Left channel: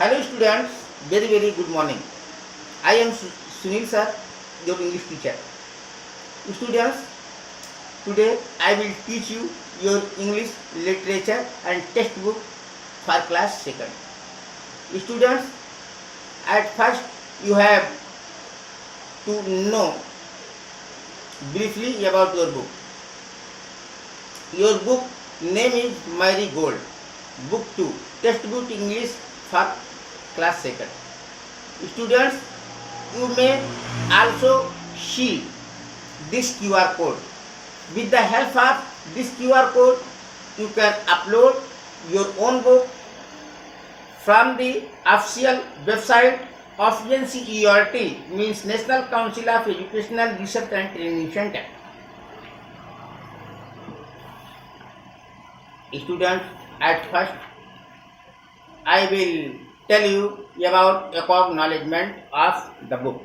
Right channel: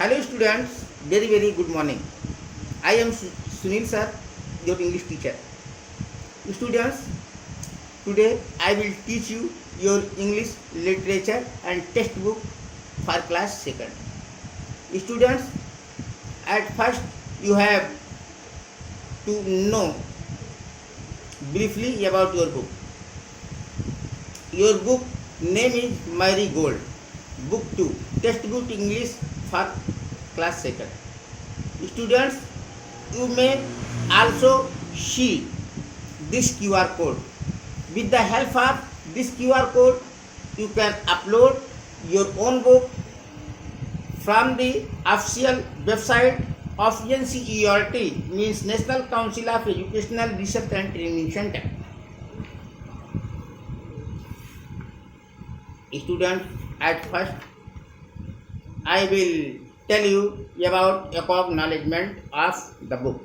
Hello students, very good morning. I am Sunil sir, your English teacher. Students, today I will teach you your English literature and textbook for class 2nd. Students, at first you have to know briefly about your book. Your book name is Mary Gold. Book 2, textbook English for class 2nd. Students, you may also see this QR code. With the help of this QR code, you can upload your own book from the official website of NCERT, means National Council of Educational Research and Training Center. Students, at first I will tell you about acknowledgement of the book.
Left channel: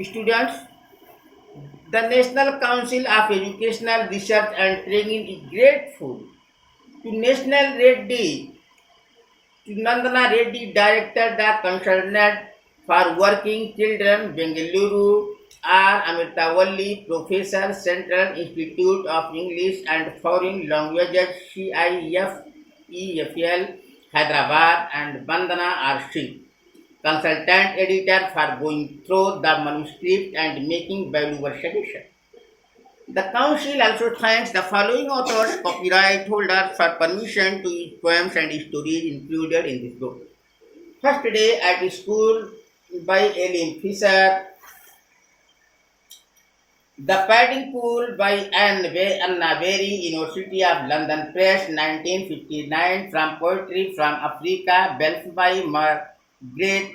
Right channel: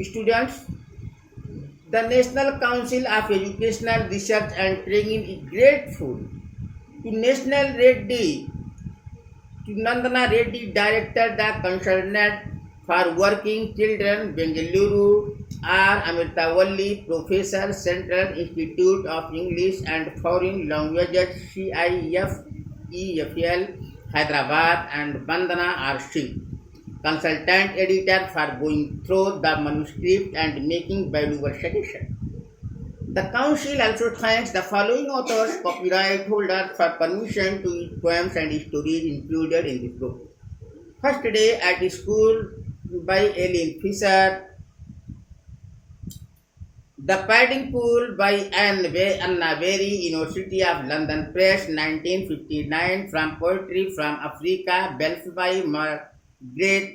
Students, the National Council of Educational Research and Training is grateful to National Reddy, to Nandana Reddy, Director, the concerned for Working Children, Bengaluru, R. Amritavalli, Professor, Central Institute of English and Foreign Languages, CIFEFL, Hyderabad, and Bandana R. Singh, Consultant Editor, for going through the manuscript and making valuable suggestions. The Council also thanks the following authors, copyright holders, for permission to use poems and stories included in this book. First Day at School by Ellen Fisher. The Padding Pool by Anna Berry, University of London Press, 1959. From Poetry from Africa, Belf by Margaret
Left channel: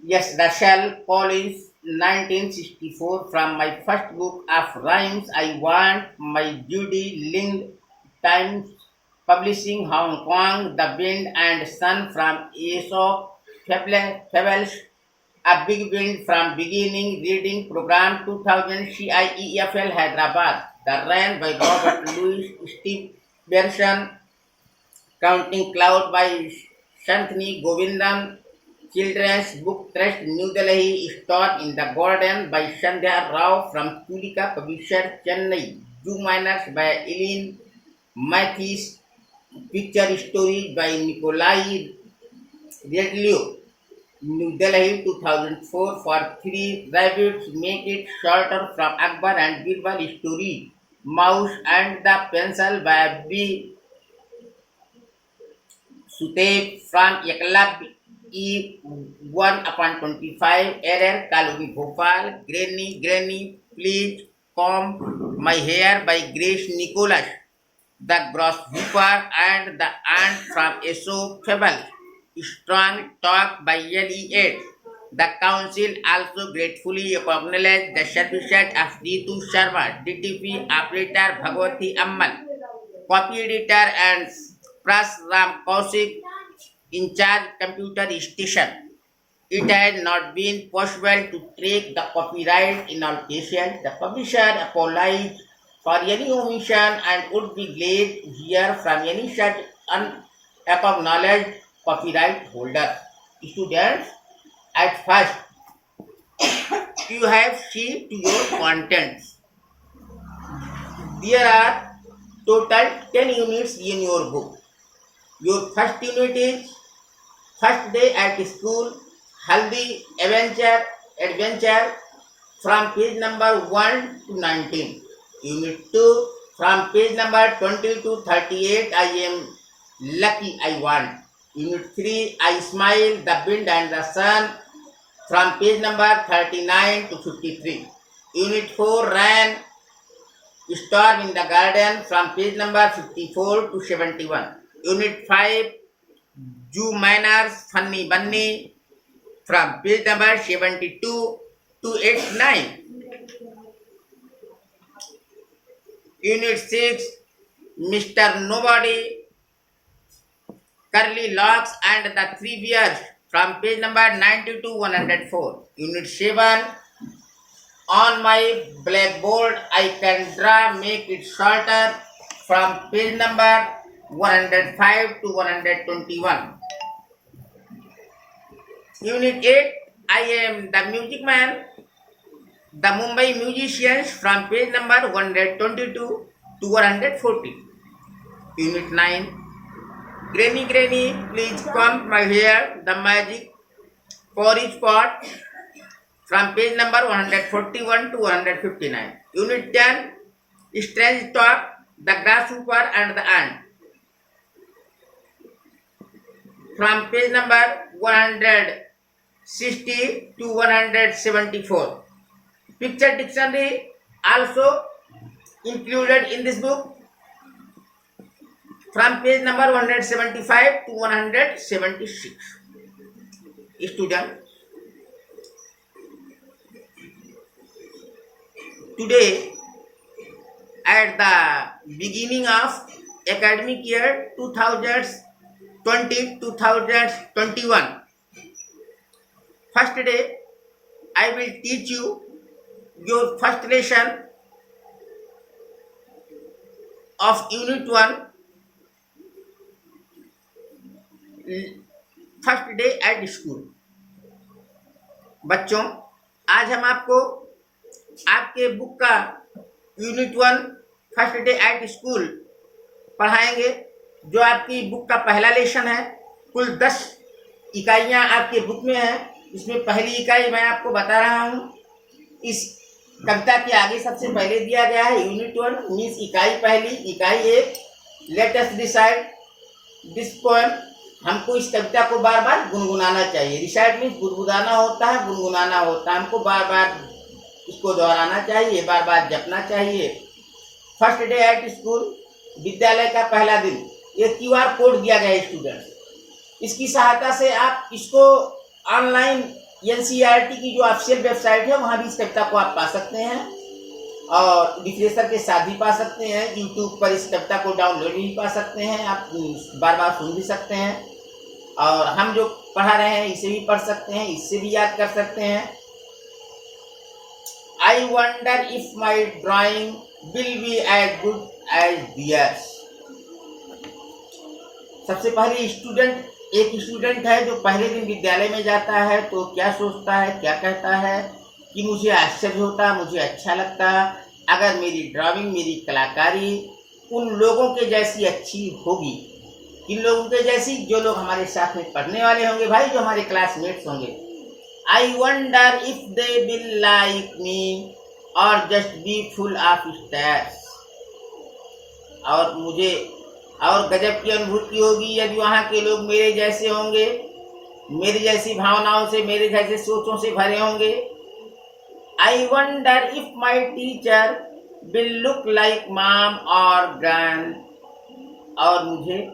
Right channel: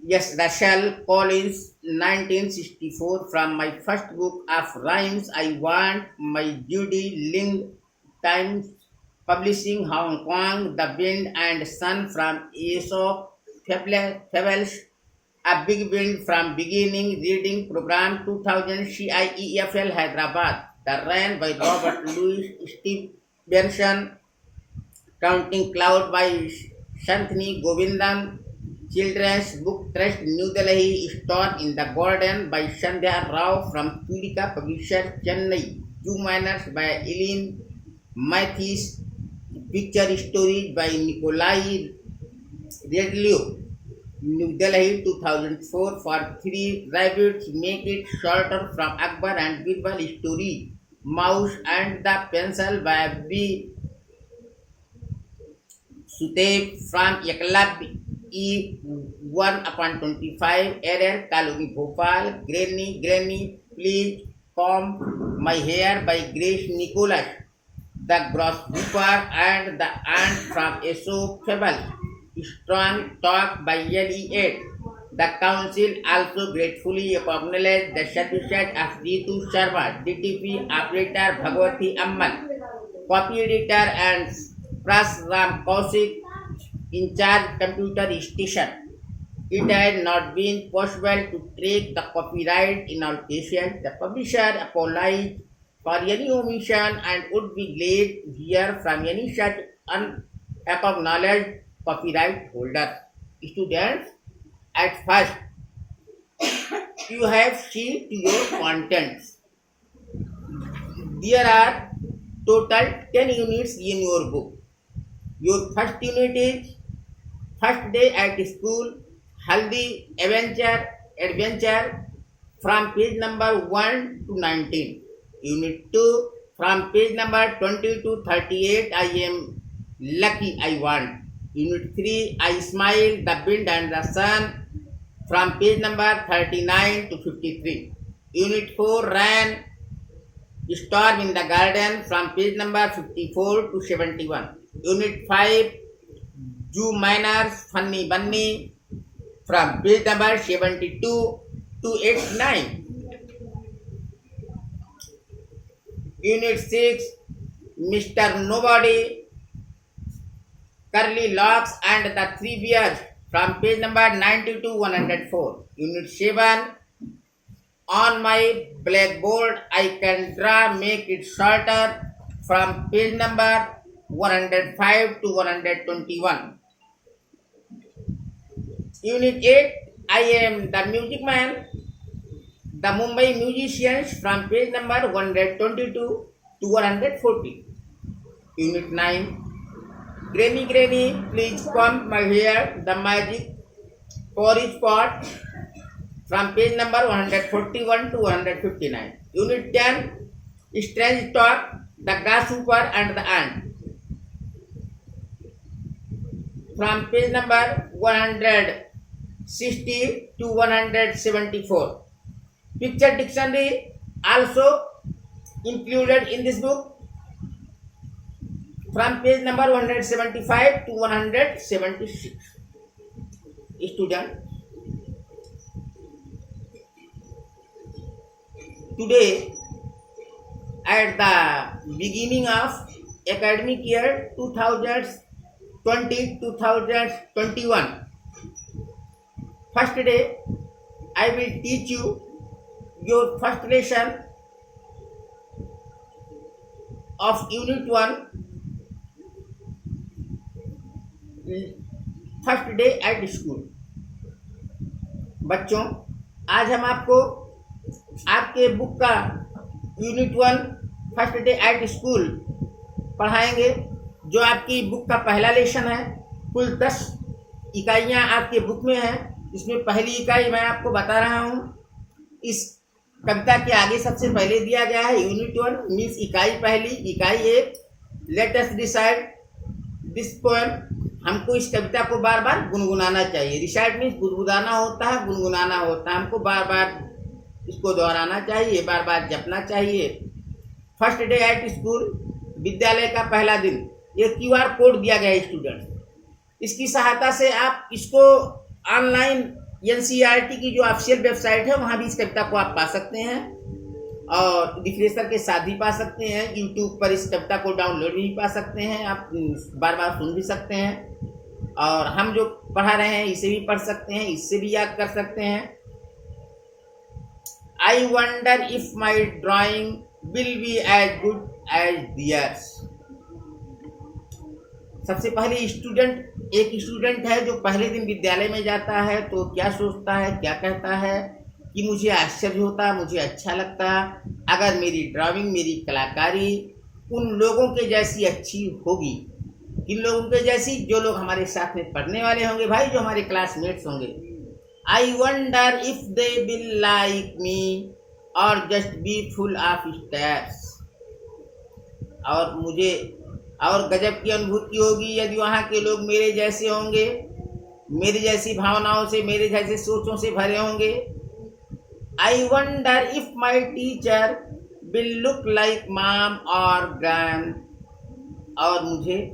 Russell Collins, 1964. From my first book of rhymes, I Want My Judy Lind, Times Publishing, Hong Kong, The Wind and Sun from Aesop Fables, A Big Wind from Beginning Reading Program, 2000, CIEFL Hyderabad. The Rain by Robert Louis Stevenson, Counting Cloud by Shanthini Govindan, Children's Book Trust, New Delhi. Storm in the Garden by Sandhya Rao from Tulika Publisher, Chennai. Two Miners by Eileen Mathis, Picture Story by Nikolai Redlio, New Delhi, 2004. For Three Rabbits Make It Shorter from Akbar and Birbal Story, Mouse and the Pencil by B. Sutev from Yaklab E. 1/25, Error, Kaluri Bhopal. Granny, Please Comb My Hair by Grace Nicholas. The Grasshopper and the Ant from Aesop Fable, Strong Talk by Eliot. The Council also gratefully acknowledged the services of Ritu Sharma, DTP operator Bhagwati Ammal, copy editor and Pras Ram Kaushik, in charge computer station. It had not been possible to track the copyright in all cases. The publisher apologized for any omission and would be glad to hear from any such unacknowledged copyright holder. Students, at first you have seen to your contents. There are total 10 units in your book. Your first unit is First Day at School, Haldi Adventure from page number 1 to 19. Unit 2 from page number 20 to 38, I Am Lucky I Want. Unit 3, I Smile, The Wind and the Sun from page number 39 to 53. Unit 4, Rain, Storm in the Garden from page number 54 to 71. Unit 5, Jew Miners, Funny Bunny from page number 72 to 89. Unit 6, Mr. Nobody, Curly Locks and the Three Bears from page number 90 to 104. Unit 7, On My Blackboard I Can Draw, Make It Shorter from page number 105 to 121. Unit 8, I am the music man. The Mumbai musicians from page number 122 to 140. Unit 9, Granny, Granny, please comb my hair, the magic porridge pot from page number 141 to 159. Unit 10, Strange talk, the grasshopper and the ant from page number 160 to 174. Picture dictionary also included in this book from page number 175 to 176. Student, today at the beginning of academic year 2020-2021, first day I will teach you your first lesson of unit 1, first day at school. बच्चों, आज हम आपको आपके book का unit 1 first day at school पढ़ाएंगे, जो आपकी book का पहला लेसन है। कुल 10 इकाइयाँ आपके बुक में हैं। इसमें पहली इकाई मैं आपको बता रहा हूँ। इस कविता के आगे सबसे पहले दिया गया है यूनिट 1 मीन्स इकाई पहली, इकाई 1, let us recite this poem. हमको इस कविता को बार बार गुनगुनाना चाहिए। रिसाइट मीन्स गुनगुनाना होता है, गुनगुनाना होता है। हमको बार बार इसको दोहराना चाहिए, बार बार जपना चाहिए। फर्स्ट डे एट स्कूल, विद्यालय का पहला दिन। ये QR कोड दिया गया है स्टूडेंट, इसकी सहायता से आप इसको ऑनलाइन NCERT की जो ऑफिशियल वेबसाइट है वहाँ भी इस कविता को आप पा सकते हैं और रिफ्रेशर के साथ भी पा सकते हैं। यूट्यूब पर इस कविता को डाउनलोड भी पा सकते हैं, आप बार बार सुन भी सकते हैं। और हम जो पढ़ा रहे हैं इसे भी पढ़ सकते हैं, इससे भी याद कर सकते हैं। I wonder if my drawing will be as good as theirs. सबसे पहले एक स्टूडेंट है जो पहले दिन विद्यालय में जाता है तो क्या सोचता है, क्या कहता है कि मुझे आश्चर्य होता, मुझे अच्छा लगता अगर मेरी ड्राइंग, मेरी कलाकारी उन लोगों के जैसी अच्छी होगी। किन लोगों के जैसी? जो लोग हमारे साथ में पढ़ने वाले होंगे भाई, जो हमारे क्लासमेट्स होंगे। I wonder if they will like me और just be full of stars. और मुझे और गजब की अनुभूति होगी यदि वहाँ के लोग मेरे जैसे होंगे, मेरी जैसी भावनाओं से, मेरे जैसे सोचों से भरे होंगे। I wonder if my teacher will look like mom और ग्रैंड। और मुझे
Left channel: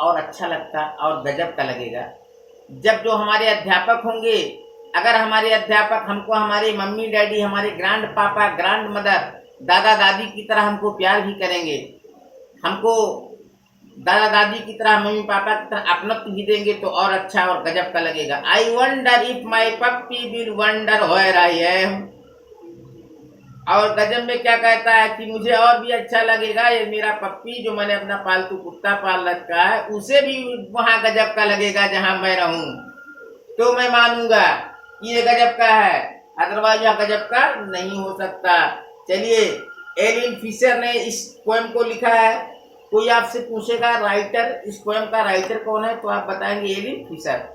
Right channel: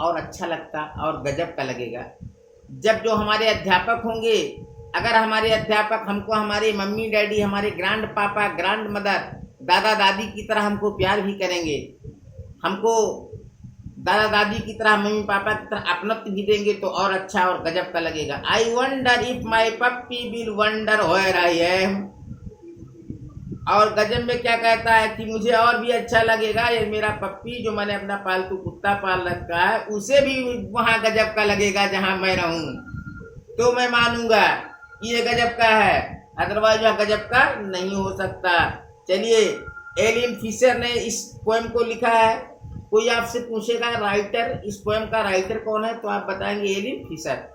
और अच्छा लगता और गजब का लगेगा जब जो हमारे अध्यापक होंगे, अगर हमारे अध्यापक हमको हमारे मम्मी डैडी, हमारे ग्रैंड पापा, ग्रैंड मदर, दादा दादी की तरह हमको प्यार भी करेंगे, हमको दादा दादी की तरह, मम्मी पापा की तरह अपनत्व भी देंगे तो और अच्छा और गजब का लगेगा। I wonder if my puppy will wonder where I am. और गजब में क्या कहता है कि मुझे और भी अच्छा लगेगा ये मेरा पप्पी जो मैंने अपना पालतू कुत्ता पाल रखा है, उसे भी वहाँ गजब का लगेगा जहाँ मैं रहूँ, तो मैं मानूंगा ये गजब का है, अदरवाइज वह गजब का नहीं हो सकता। चलिए, एलिन फिशर ने इस पोएम को लिखा है। कोई आपसे पूछेगा राइटर, इस पोएम का राइटर कौन है, तो आप बताएंगे एलिन फिशर।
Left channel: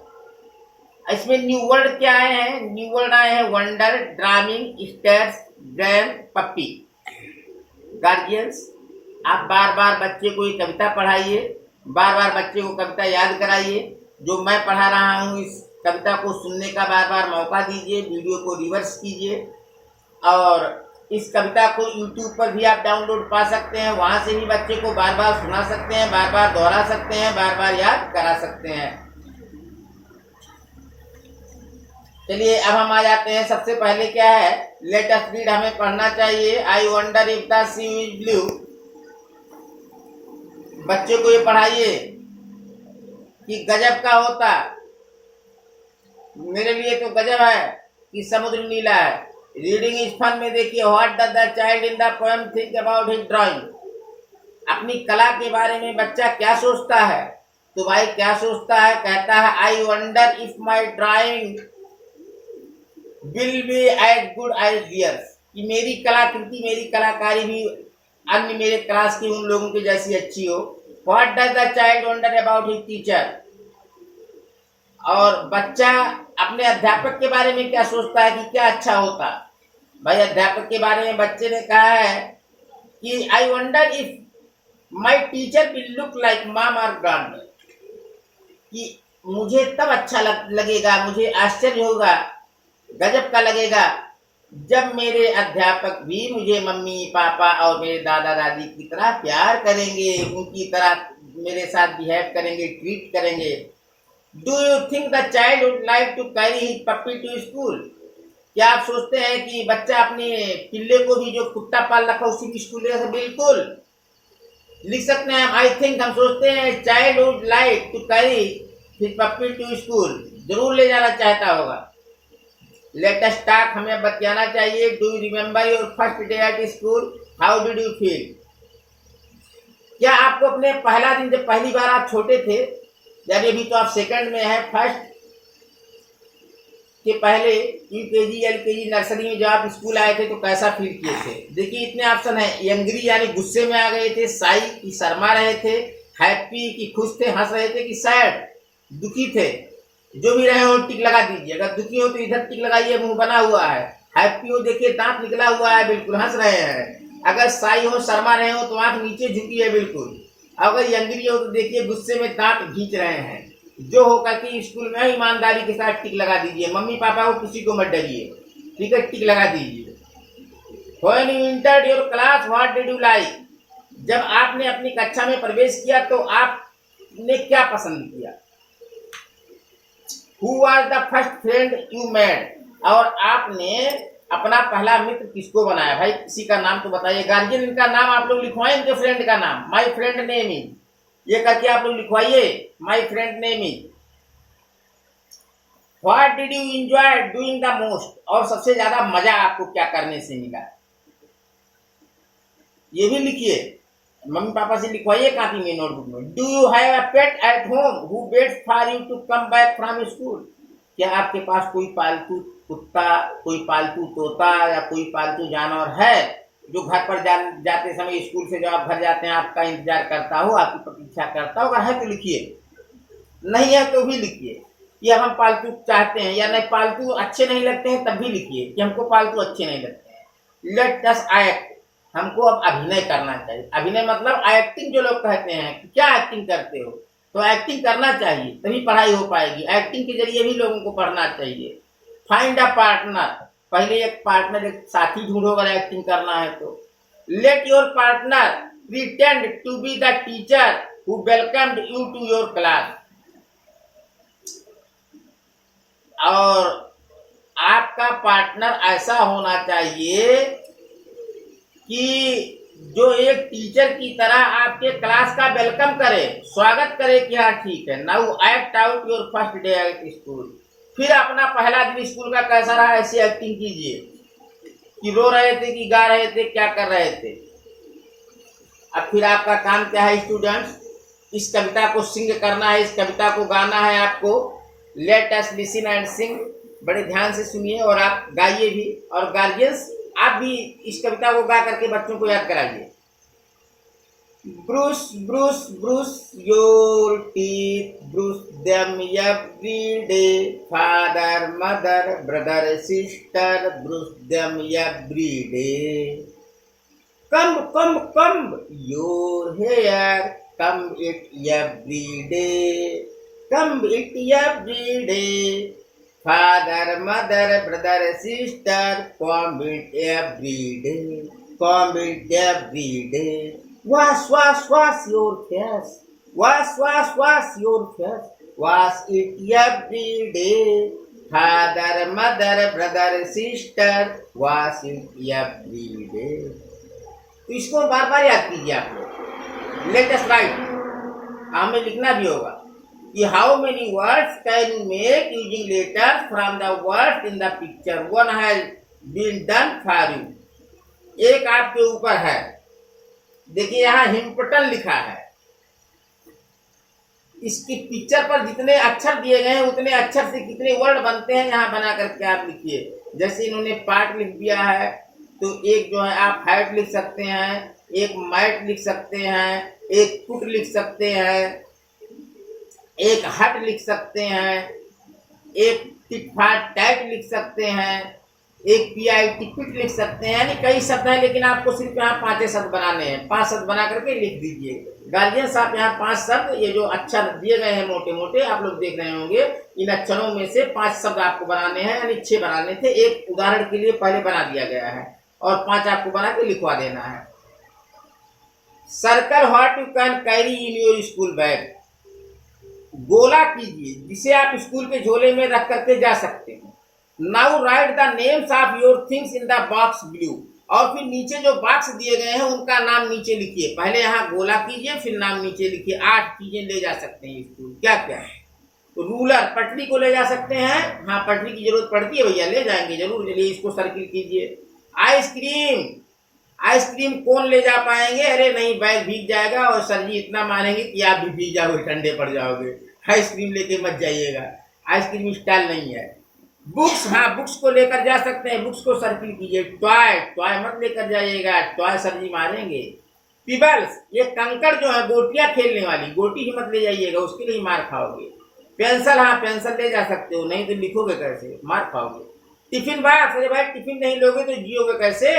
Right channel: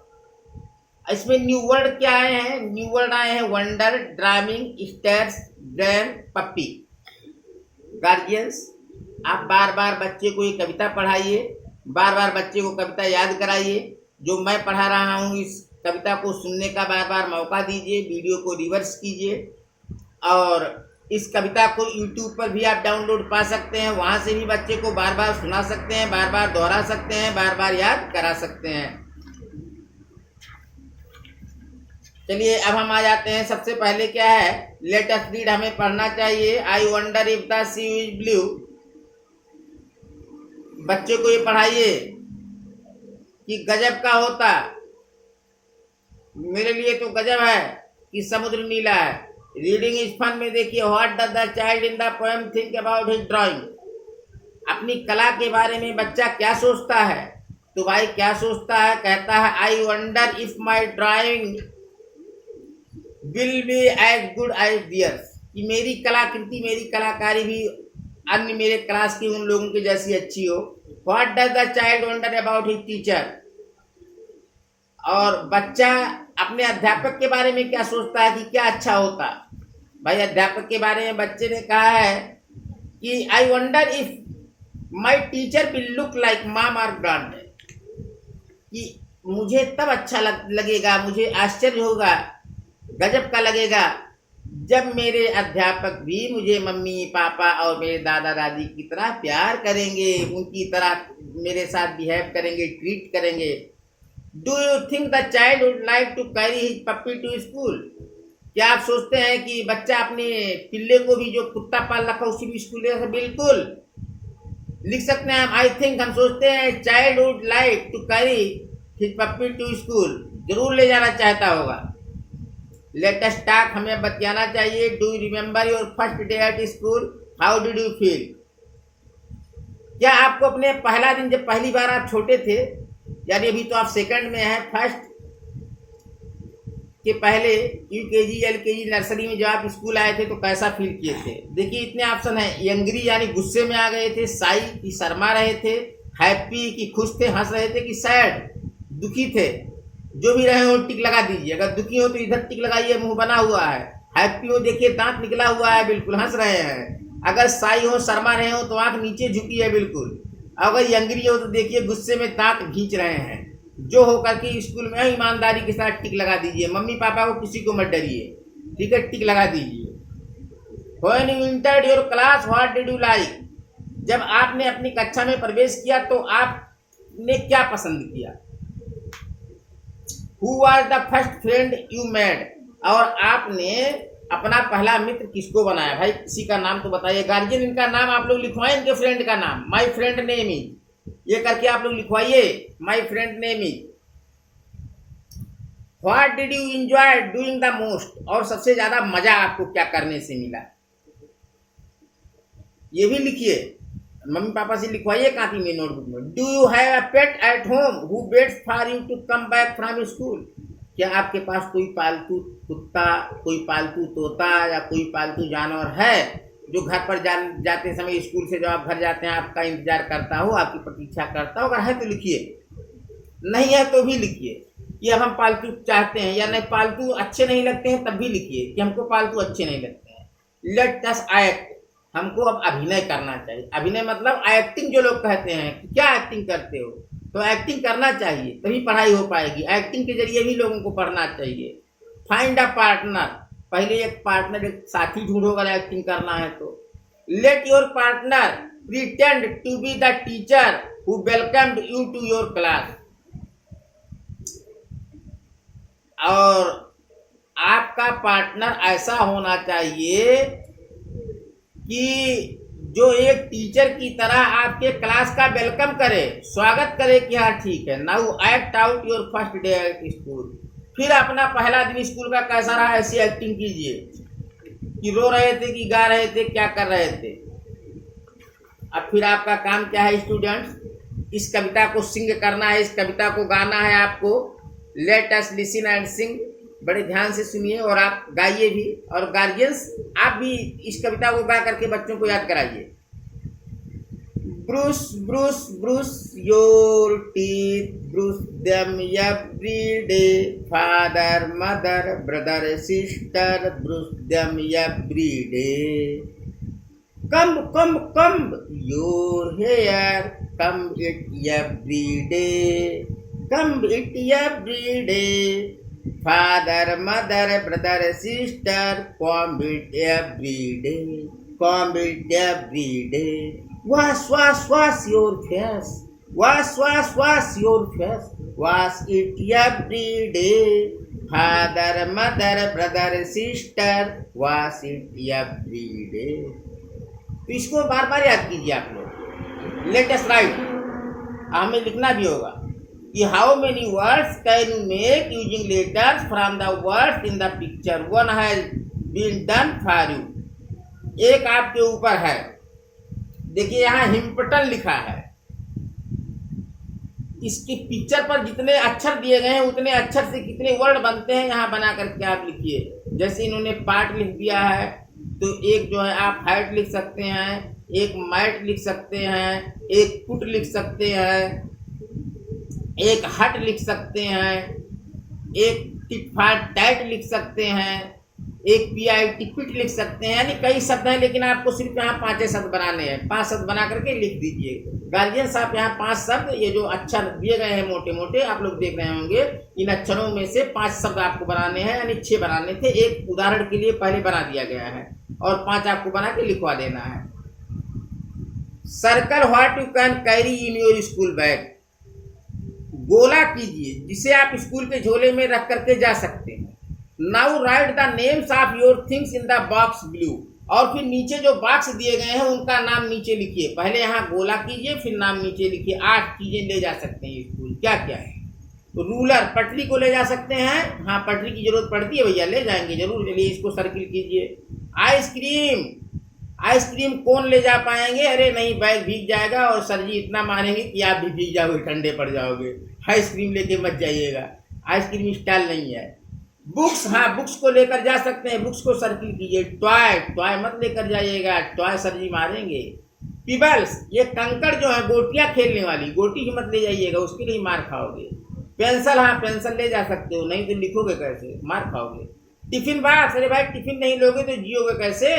इसमें न्यू वर्ड क्या आए हैं? न्यू वर्ड आए हैं वंडर, ड्रामिंग, स्टेयर्स, ग्रैंड, पप्पी। गार्जियंस, आप बार बार बच्चे को ये कविता पढ़ाइए, बार बार बच्चे को कविता याद कराइए। जो मैं पढ़ा रहा हूँ इस कविता को सुनने का बार बार मौका दीजिए, वीडियो को रिवर्स कीजिए और इस कविता को YouTube पर भी आप डाउनलोड पा सकते हैं। वहाँ से भी बच्चे को बार बार सुना सकते हैं, बार बार दोहरा सकते हैं, बार बार याद करा सकते हैं। चलिए, अब हम आ जाते हैं। सबसे पहले क्या है, लेट अस रीड, हमें पढ़ना चाहिए। I wonder if the sea is blue. बच्चे को ये पढ़ाइए कि गजब का होता, मेरे लिए तो गजब है कि समुद्र नीला है। रीडिंग इज फन में देखिए, what does the child in the poem think about his drawing. अपनी कला के बारे में बच्चा क्या सोचता है? तो भाई क्या सोचता है? कहता है I wonder if my drawing will be as good as theirs, कि मेरी कलाकृति, मेरी कलाकारी भी अन्य मेरे क्लास के उन लोगों की जैसी अच्छी हो। What does the child wonder about his teacher, और बच्चा अपने अध्यापक के बारे में क्या सोचता है कि क्या अच्छा होता। भाई अध्यापक के बारे में बच्चे ने कहा है कि आई wonder if my teacher will look like mom और ग्रैंड, कि मुझे तब अच्छा लगेगा, मुझे आश्चर्य होगा, गजब का लगेगा जब मेरे अध्यापक भी मुझे मम्मी पापा और मेरे दादा दादी की तरह प्यार करेंगे, उनकी तरह मेरे साथ बिहेव करेंगे, ट्रीट करेंगे। Do you think the child would like to carry his puppy to school, क्या आप सोचते हैं कि बच्चा अपने पिल्ले को भी जो कुत्ता पाल रखा उसी भी स्कूल ले? बिल्कुल लिख सकते हैं हम, आई थिंक, हम सोचते हैं child would like to carry his puppy to school, जरूर ले जाना चाहता होगा। लेट अस टॉक, हमें बतियाना चाहिए। Do you remember your first day at school, how did you feel, क्या आपको अपने पहला दिन, जब पहली बार आप छोटे थे, यानी अभी तो आप सेकंड में हैं, फर्स्ट के पहले यूकेजी एलकेजी नर्सरी में जब आप स्कूल आए थे तो कैसा फील किए थे? देखिए इतने ऑप्शन है, एंग्री यानी गुस्से में आ गए थे, साई की शर्मा रहे थे, हैप्पी की खुश थे हंस रहे थे, कि सैड दुखी थे। जो भी रहे हो टिक लगा दीजिए, अगर दुखी हो तो इधर टिक लगाइए, मुंह बना हुआ है। हैप्पी हो देखिए दांत निकला हुआ है, बिल्कुल हंस रहे हैं। अगर साई हो शर्मा रहे हो तो आंख नीचे झुकी है बिल्कुल। अगर एंग्री हो तो देखिए गुस्से में दांत खींच रहे हैं। जो होकर के स्कूल में ईमानदारी के साथ टिक लगा दीजिए, मम्मी पापा को किसी को मत डरिए, ठीक है, टिक लगा दीजिए। When you entered your class what did you like, जब आपने अपनी कक्षा में प्रवेश किया तो आपने क्या पसंद किया? Who was the first friend you made, और आपने अपना पहला मित्र किसको बनाया? भाई किसी का नाम तो बताइए, गार्जियन इनका नाम आप लोग लिखवाएं, इनके फ्रेंड का नाम, माय फ्रेंड नेम इज, ये करके आप लोग लिखवाइए, my friend name is. What did you enjoy doing the most, और सबसे ज्यादा मजा आपको क्या करने से मिला? ये भी लिखिए, मम्मी पापा से लिखवाइए कॉपी में, नोटबुक में। Do you have a pet at home who waits for you to come back from school, क्या आपके पास कोई पालतू कुत्ता, कोई पालतू तोता या कोई पालतू जानवर है जो घर पर जाते समय, स्कूल से जब आप घर जाते हैं आपका इंतजार करता हो, आपकी प्रतीक्षा करता हो? अगर है तो लिखिए, नहीं है तो भी लिखिए कि हम पालतू चाहते हैं, या नहीं पालतू अच्छे नहीं लगते हैं तब भी लिखिए कि हमको पालतू अच्छे नहीं लगते हैं। लेट अस एक्ट, हमको अब अभिनय करना चाहिए। अभिनय मतलब एक्टिंग, जो लोग कहते हैं कि क्या एक्टिंग करते हो, तो एक्टिंग करना चाहिए तभी पढ़ाई हो पाएगी। एक्टिंग के जरिए भी लोगों को पढ़ना चाहिए। फाइंड अ पार्टनर, पहले एक पार्टनर, एक साथी ढूंढो अगर एक्टिंग करना है तो। Let your partner pretend to be the teacher who welcomed you to your class, और आपका पार्टनर ऐसा होना चाहिए कि जो एक टीचर की तरह आपके क्लास का वेलकम करे, स्वागत करे कि हाँ ठीक है। Now act out your first day at school, फिर अपना पहला दिन स्कूल का कैसा रहा ऐसी एक्टिंग कीजिए कि रो रहे थे कि गा रहे थे, क्या कर रहे थे। अब फिर आपका काम क्या है स्टूडेंट्स, इस कविता को सिंग करना है, इस कविता को गाना है आपको। लेट अस लिसन एंड सिंग, बड़े ध्यान से सुनिए और आप गाइए भी, और गार्जियंस आप भी इस कविता को गा करके बच्चों को याद कराइए। Brush brush brush your teeth, brush them every day, father mother brother sister, brush them every day. Comb comb comb your hair, comb it every day, comb it every day, father mother brother sister, comb it every day, comb it every day. Wash wash wash your face, wash wash wash your face, wash it every day, father mother brother sister, wash it every day. तो इसको बार बार याद कीजिए आप लोग। Latest right, हमें लिखना भी होगा कि how many words can you make using letters from the words in the picture, one has been done for you, एक आपके ऊपर है। देखिए यहाँ हिम्पटन लिखा है। इसकी पिक्चर पर जितने अक्षर दिए गए हैं उतने अक्षर से कितने वर्ड बनते हैं यहाँ बना करके आप लिखिए। जैसे इन्होंने पार्ट लिख दिया है, तो एक जो है आप हाइट लिख सकते हैं, एक मैट लिख सकते हैं, एक फुट लिख सकते हैं, एक हट लिख सकते हैं, एक टिट फाट टाइट लिख सकते हैं, एक PIT पिट लिख सकते हैं। यानी कई शब्द हैं, लेकिन आपको सिर्फ यहाँ 5 शब्द बनाने हैं। 5 शब्द बना करके लिख दीजिए। गार्जियन साहब यहाँ 5 शब्द, ये जो अक्षर दिए गए हैं मोटे मोटे आप लोग देख रहे होंगे, इन अक्षरों में से 5 शब्द आपको बनाने हैं, यानी 6 बनाने थे। एक उदाहरण के लिए पहले बना दिया गया है और 5 आपको बना के लिखवा देना है। Circle what you can carry in your school bag. गोला कीजिए जिसे आप स्कूल के झोले में रख करके जा सकते हैं। Now right the names of your things in the box blue. और फिर नीचे जो बॉक्स दिए गए हैं उनका नाम नीचे लिखिए। पहले यहाँ गोला कीजिए, फिर नाम नीचे लिखिए। 8 चीजें ले जा सकते हैं स्कूल, क्या क्या है? तो रूलर, पटरी को ले जा सकते हैं। हाँ, पटरी की जरूरत पड़ती है भैया, ले जाएंगे जरूर। चलिए इसको सर्किल कीजिए। आइसक्रीम, आइसक्रीम कौन ले जा पाएंगे? अरे नहीं, बैग भीग जाएगा और सर जी इतना मानेंगे कि आप भी भीग जाओगे, ठंडे पड़ जाओगे। आइसक्रीम लेके मत जाइएगा, आइसक्रीम स्टाइल नहीं है। बुक्स, हाँ बुक्स को लेकर जा सकते हैं, बुक्स को सर्किल कीजिए। टॉय, टॉय मत लेकर जाइएगा, टॉय सर जी मारेंगे। पिबल्स, ये कंकड़ जो है गोटियां खेलने वाली, गोटी ही मत ले जाइएगा, उसके लिए मार खाओगे। पेंसिल, हाँ पेंसिल ले जा सकते हो, नहीं तो लिखोगे कैसे, मार खाओगे। टिफिन बॉक्स, अरे भाई टिफिन नहीं लोगे तो जियोगे कैसे?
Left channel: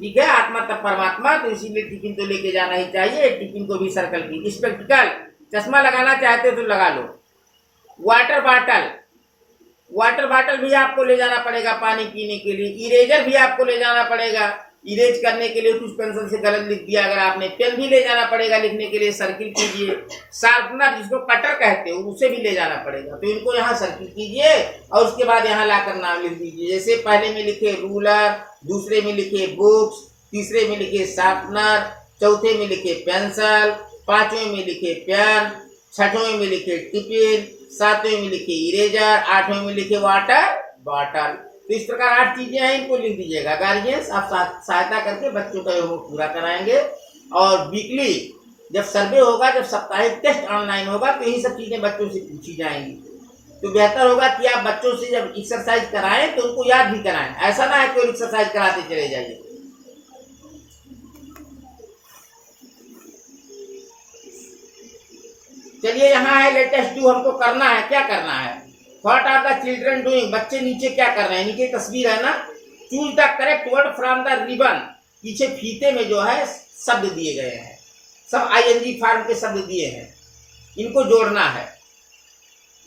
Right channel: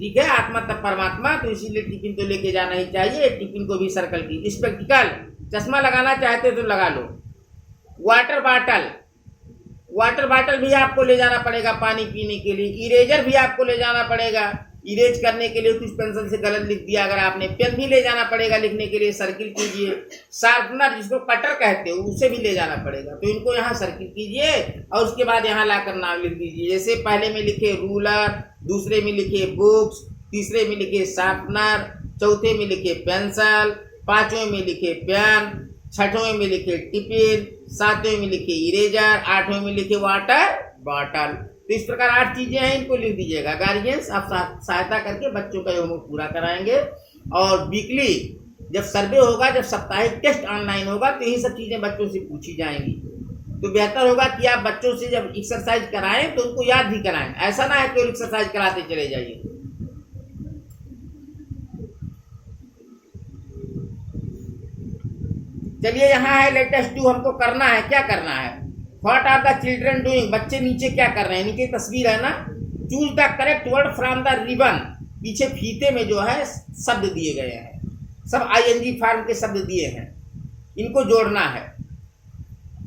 ठीक है, आत्मा तब परमात्मा, तो इसीलिए टिफिन तो लेके जाना ही चाहिए। टिफिन को भी सर्कल की। स्पेक्टिकल, चश्मा लगाना चाहते हो तो लगा लो। वाटर बॉटल, वाटर बॉटल भी आपको ले जाना पड़ेगा पानी पीने के लिए। इरेजर भी आपको ले जाना पड़ेगा इरेज करने के लिए, कुछ पेंसिल से गलत लिख दिया अगर आपने। पेन भी ले जाना पड़ेगा लिखने के लिए, सर्किल कीजिए। शार्पनर, जिसको कटर कहते हो, उसे भी ले जाना पड़ेगा, तो इनको यहाँ सर्किल कीजिए और उसके बाद यहाँ लाकर नाम लिख दीजिए। जैसे पहले में लिखे रूलर, दूसरे में लिखे बुक्स, तीसरे में लिखे शार्पनर, चौथे में लिखे पेंसिल, 5वें में लिखे पेन, 6वें में लिखे टिफिन, 7वें में लिखे इरेजर, 8वें में लिखे वाटर बॉटल। तो इस प्रकार 8 चीजें हैं, इनको लिख दीजिएगा। गार्जियंस आप सहायता करके बच्चों का होमवर्क पूरा कराएंगे। और वीकली जब सर्वे होगा, जब साप्ताहिक टेस्ट ऑनलाइन होगा, तो यही सब चीजें बच्चों से पूछी जाएंगी। तो बेहतर होगा कि आप बच्चों से जब एक्सरसाइज कराएं तो उनको याद भी कराएं। ऐसा ना है कोई एक्सरसाइज कराते चले जाइए। चलिए यहाँ है लेटेस्ट डू, हमको करना है, क्या करना है? What are the children doing, बच्चे नीचे क्या कर रहे हैं? नीचे तस्वीर है ना। Choose the correct word from the ribbon, पीछे फीते में जो है शब्द दिए गए हैं, सब ING फॉर्म के शब्द दिए हैं, इनको जोड़ना है।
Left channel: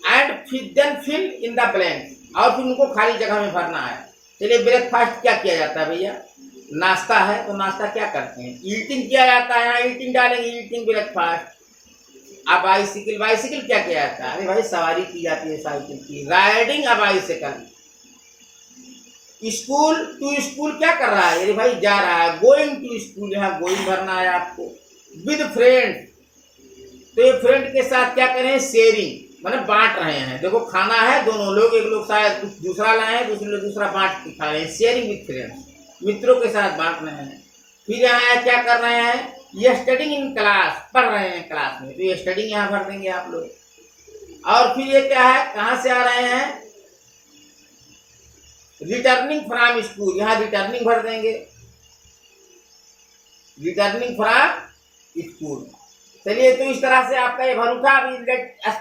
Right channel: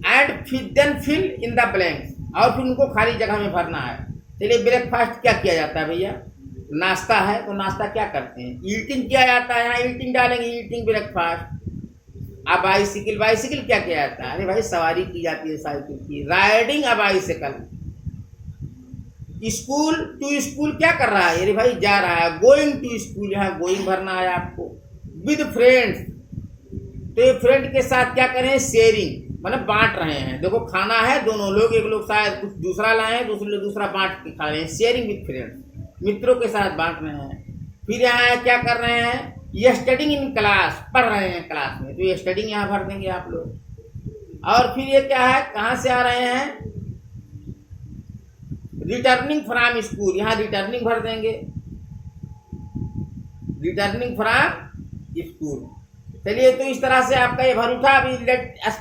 And then fill in the blank, और फिर उनको खाली जगह में भरना है। चलिए, ब्रेकफास्ट क्या किया जाता है भैया? नाश्ता है, तो नाश्ता क्या करते हैं? ईटिंग किया जाता है, यहाँ ईटिंग डालेंगे, ईटिंग ब्रेकफास्ट। अब बाइसिकल, बाइसिकल क्या किया जाता है? अरे भाई सवारी की जाती है साइकिल की, riding a bicycle. School, to school क्या कर रहा है? अरे भाई जा रहा है, गोइंग टू स्कूल, यहाँ गोइंग भरना है आपको। विद फ्रेंड्स, तो ये फ्रेंड के साथ क्या करें? शेयरिंग, मतलब बांट रहे हैं। देखो खाना है, दोनों लोग, एक लोग शायद कुछ दूसरा लाए हैं, दूसरे लोग दूसरा बांट के खा रहे हैं। शेयरिंग विद फ्रेंड्स, मित्रों के साथ बांट रहे हैं। फिर यहाँ क्या कर रहे हैं? ये स्टडिंग इन क्लास, पढ़ रहे हैं क्लास में, तो ये स्टडिंग यहाँ भर देंगे आप लोग। और फिर ये क्या है, कहाँ से आ रहे हैं? रिटर्निंग फ्रॉम स्कूल, यहाँ रिटर्निंग भर देंगे, रिटर्निंग फ्रॉम स्कूल। चलिए, तो इस तरह से आपका ये भर उठा। अभी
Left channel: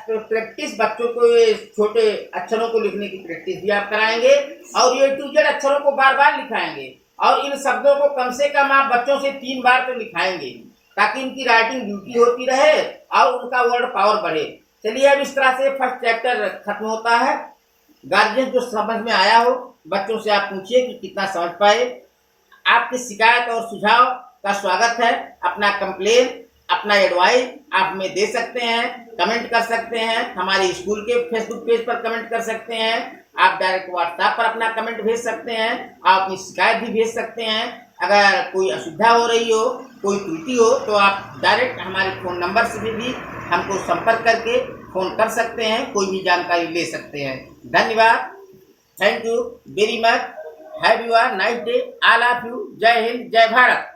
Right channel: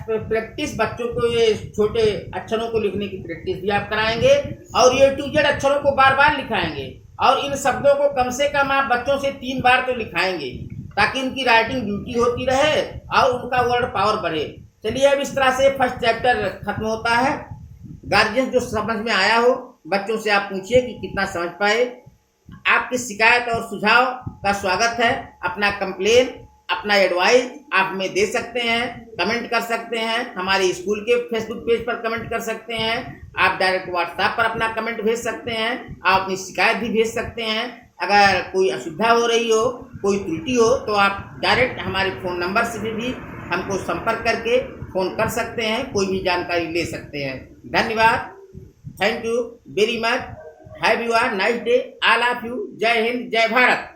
प्रैक्टिस, बच्चों को ये छोटे अक्षरों को लिखने की प्रैक्टिस भी आप कराएंगे और ये टू जेड अक्षरों को बार बार लिखाएंगे। और इन शब्दों को कम से कम आप बच्चों से 3 बार तो लिखाएंगे, ताकि इनकी राइटिंग ड्यूटी होती रहे और उनका वर्ड पावर बढ़े। चलिए, अब इस तरह से फर्स्ट चैप्टर खत्म होता है। गार्जियन जो समझ में आया हो, बच्चों से आप पूछिए कि कितना समझ पाए। आपकी शिकायत और सुझाव का स्वागत है। अपना कंप्लेन, अपना एडवाइस आप हमें दे सकते हैं, कमेंट कर सकते हैं, हमारे स्कूल के फेसबुक पेज पर कमेंट कर सकते हैं, आप डायरेक्ट व्हाट्सएप पर अपना कमेंट भेज सकते हैं, आप अपनी शिकायत भी भेज सकते हैं। अगर कोई असुविधा हो रही हो, कोई त्रुटि हो, तो आप डायरेक्ट हमारे फ़ोन नंबर से भी हमको संपर्क करके फ़ोन कर सकते हैं, कोई भी जानकारी ले सकते हैं। धन्यवाद, thank you very much, have you are nice day, all of you. जय हिंद, जय भारत।